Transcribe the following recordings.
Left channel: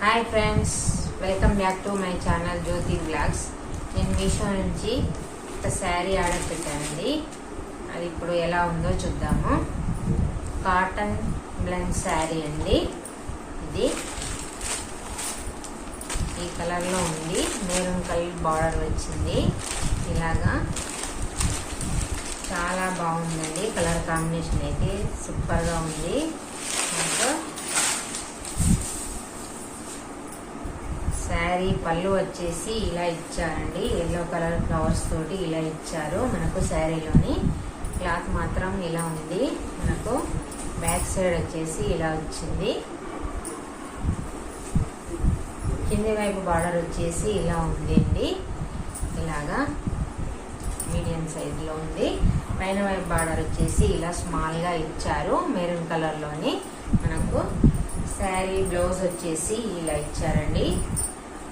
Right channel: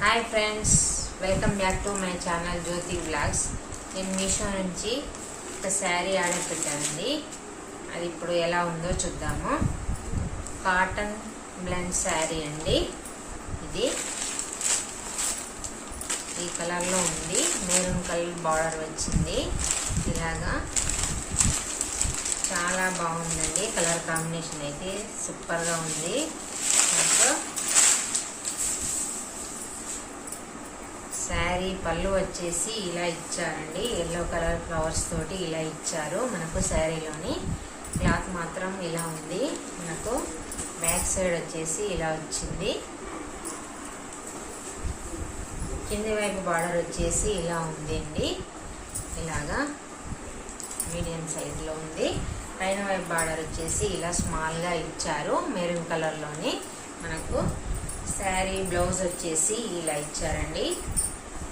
Hi friends, welcome back to my channel Jyothi vlogs. నేను మీషో నుంచి ఒక శారీ ఆర్డర్ పెట్టానండి. అది ఇప్పుడు ఎలా ఉందో చూద్దాము. కాటన్ బ్లెండ్ శారీ అండి. ఇది ఈ కలర్లో ఉంది. మెరూన్ కలర్ బార్డర్ వచ్చింది. ఇలాగా చాలా బాగుందండి. కలర్ కాంబినేషన్ అయితే సూపర్గా ఉంది. శారీ పళ్ళు వచ్చేసి ఇలా ఇచ్చారండి. ఎల్లో కలర్ ఫ్లవర్స్ తోటి ఇలా ఇచ్చారు. మనకు శారీలోని క్లాత్ మాత్రం ఇలా ఉంది. మనకు బ్యాక్ సైడ్ వచ్చేసి ఇలా వచ్చింది. కింది వైపు బార్డర్ వచ్చేసి ఇలా ఉంది అండి. ఇలాగా మీడియం సైజులో ఉంది. పైన వైపు బార్డర్ వచ్చేసి ఇలా స్మాల్గా ఇచ్చారు. మెరూన్ కలర్లోని మనకు శారీ బ్లౌజ్ వచ్చేసి ఇలా ఇచ్చారండి.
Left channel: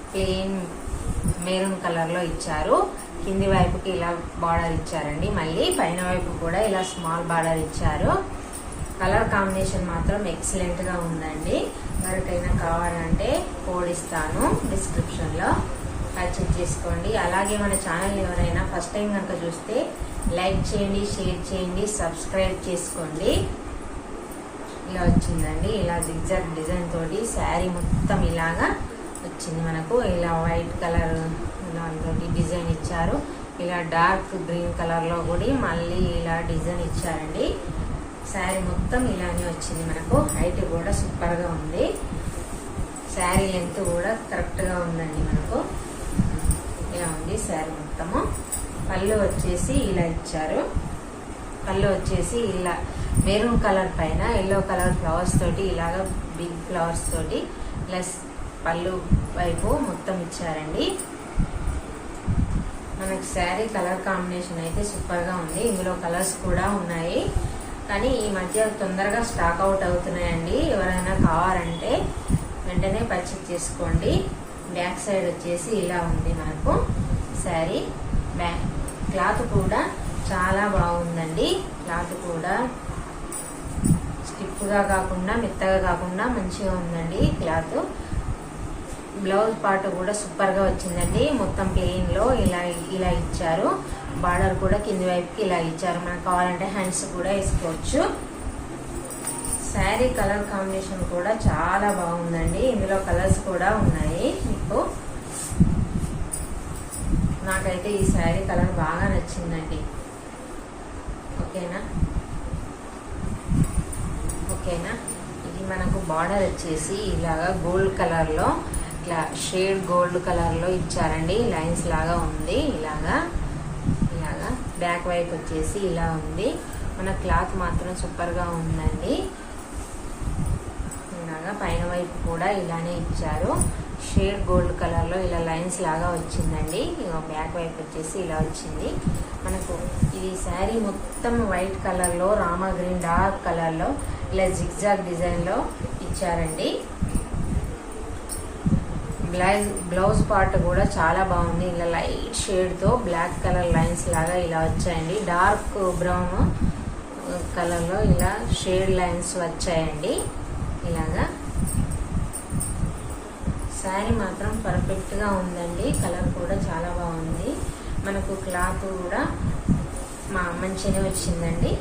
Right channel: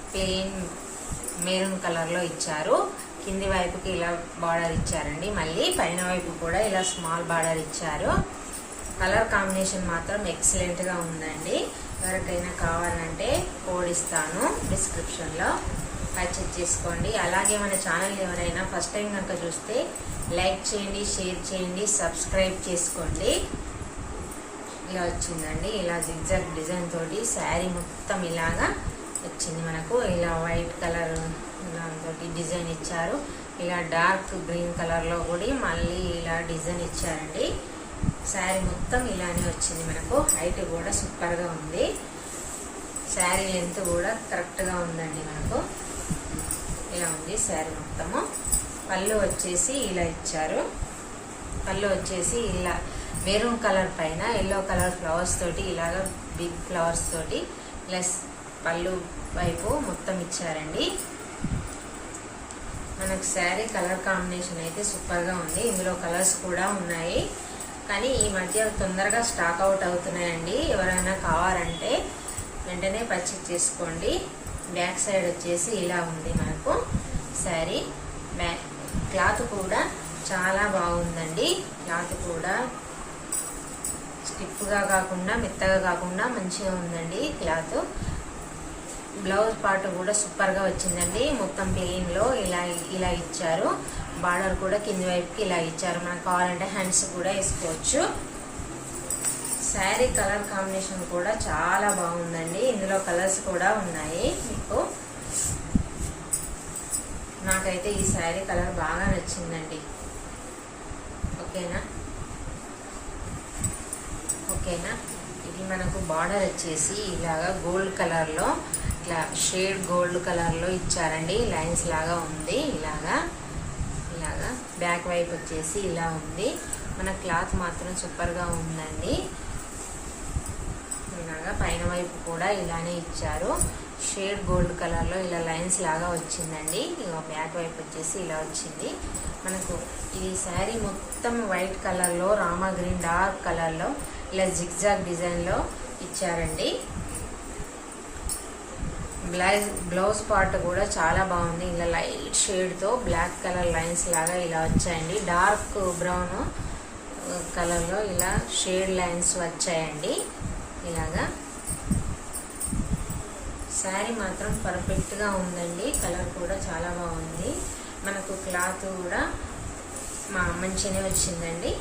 ప్లెయిన్ మెరూన్ కలర్లో ఇచ్చారు. కింది వైపుకి ఇలా బార్డర్ ఇచ్చారండి. మళ్ళీ పైన వైపు కూడా ఇలా స్మాల్ బార్డర్ ఇచ్చారు. కలర్ కాంబినేషన్ మాత్రం ఎక్సలెంట్గా ఉందండి. ఎవరికైనా కావాలంటే కోడ్ ఇస్తాను డిస్క్రిప్షన్లో, పర్చేజ్ చేసుకోండి. అలాగే మన ఛానల్ ఎవరైనా ఫస్ట్ టైం కనుక చూస్తే లైక్ చేయండి, షేర్ చేయండి, సబ్స్క్రైబ్ చేసుకోండి. ఇలా వచ్చిందండి. ఇలా జిగ్జాగ్ డిజైన్ తోటి శారీ మొత్తం ఇలాగా వచ్చింది. మనకు ఇలా వైట్ కలర్ దాంతో డిజైన్ ఇచ్చారు. ఇలా డార్క్ గ్రీన్ కలర్లో కూడా మళ్ళీ ఇలా డిజైన్ ఇచ్చారండి. శారీ మొత్తం ఇలానే వచ్చింది. మనకు హైట్ కూడా సూపర్గా ఉంది. శారీ లెంత్ కూడా కరెక్ట్గా ఉందండి. మనకు ఇలా ఉంది శారీ మొత్తము. పళ్ళు వచ్చేసి ఇలా ఇచ్చారు. పళ్ళు వచ్చేసి ఇలా మెరూన్ కలర్ పైన ఎల్లో కలర్ ఫ్లవర్స్ తోటి ఇలాగ బిగ్ ఫ్లవర్స్ తోటి ప్లస్ పళ్ళు వైపు మొత్తం ఇచ్చారండి. మనకు శారీ కలర్ కాంబినేషన్ అయితే సూపర్గా ఉంది. ఇందులో కలర్స్ కూడా ఉన్నాయి, కానీ ఈ మధ్య తొందరగా స్టాక్ అవుట్ అవుతున్నాయండి. ఎవరైనా కావాలంటే వెంటనే పర్చేజ్ చేసుకోండి. బ్యాక్ సైడ్ వచ్చేసి ఇలా ఉంది మనకు శారీ. క్లాత్ కూడా చాలా బాగుందండి. క్లాత్ కూడా స్టిఫ్గా కాకుండా మెత్తగా కాకుండా మంచిగా ఉందండి క్లాత్. బ్లౌజ్ పార్ట్ కూడా సూపర్గా వచ్చిందండి. మొత్తం ప్లెయిన్లో ఇలా ఇచ్చారు. బార్డర్ కూడా కింది వైపుకి ఇలా ఇచ్చారు. మనకు కావాలంటే హ్యాండ్స్ కూడా వేసుకోవచ్చు. శారీ కలర్ కాంబినేషన్ కూడా చాలా బాగుందండి. ఇందులో కలర్స్ కూడా ఉన్నాయి. మీకు నాకైతే ఈ శారీ కలర్ బాగా నచ్చిందండి. ఓకేనా. ఇది మనకు బార్డర్ వచ్చేసి ఇలాగా గోల్డ్ కలర్లో ఇట్లా షేడ్ గోల్డ్ కలర్లో ఇచ్చారండి. లైన్స్ లాగా ఉంది. ఇలాగా బ్యాక్ వైపు వచ్చేసి ఇలా ఉంది. మన క్లాత్ మాత్రం సూపర్గా ఉందండి. ఇలాగా పైన వైపు కూడా ఇలానే ఇచ్చారు. షేడ్ గోల్డ్ కలర్లో ఇలా లైన్స్ లాగా వచ్చిందండి. బ్యాక్ వైపు వచ్చేసి ఇలా వచ్చింది. మనకు ఇది శారీ మొత్తం వైట్ కలర్లో రామా గ్రీన్ డార్క్ కలర్లో ఇలా జిగ్జాగ్ డిజైన్లో ఇచ్చారండి. బ్లౌజ్ పార్ట్ కూడా చాలా బాగుంది. ఇలా లైట్ షేడ్తో బ్లాక్ కలర్ లైన్స్ లాగా ఇలా వచ్చాయండి. డార్క్ బ్రౌన్ కలర్లో ఇలా షేడ్ లైన్స్ వచ్చాయండి. ఇలాగా శారీ మాత్రం పర్ఫెక్ట్గా ఉందండి. కలర్ కూడా చాలా బాగుంది. మనకు క్లాత్ కూడా మంచిగానే వచ్చిందండి.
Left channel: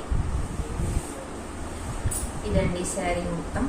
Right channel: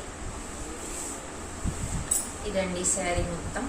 ఇదండి శారీ మొత్తం.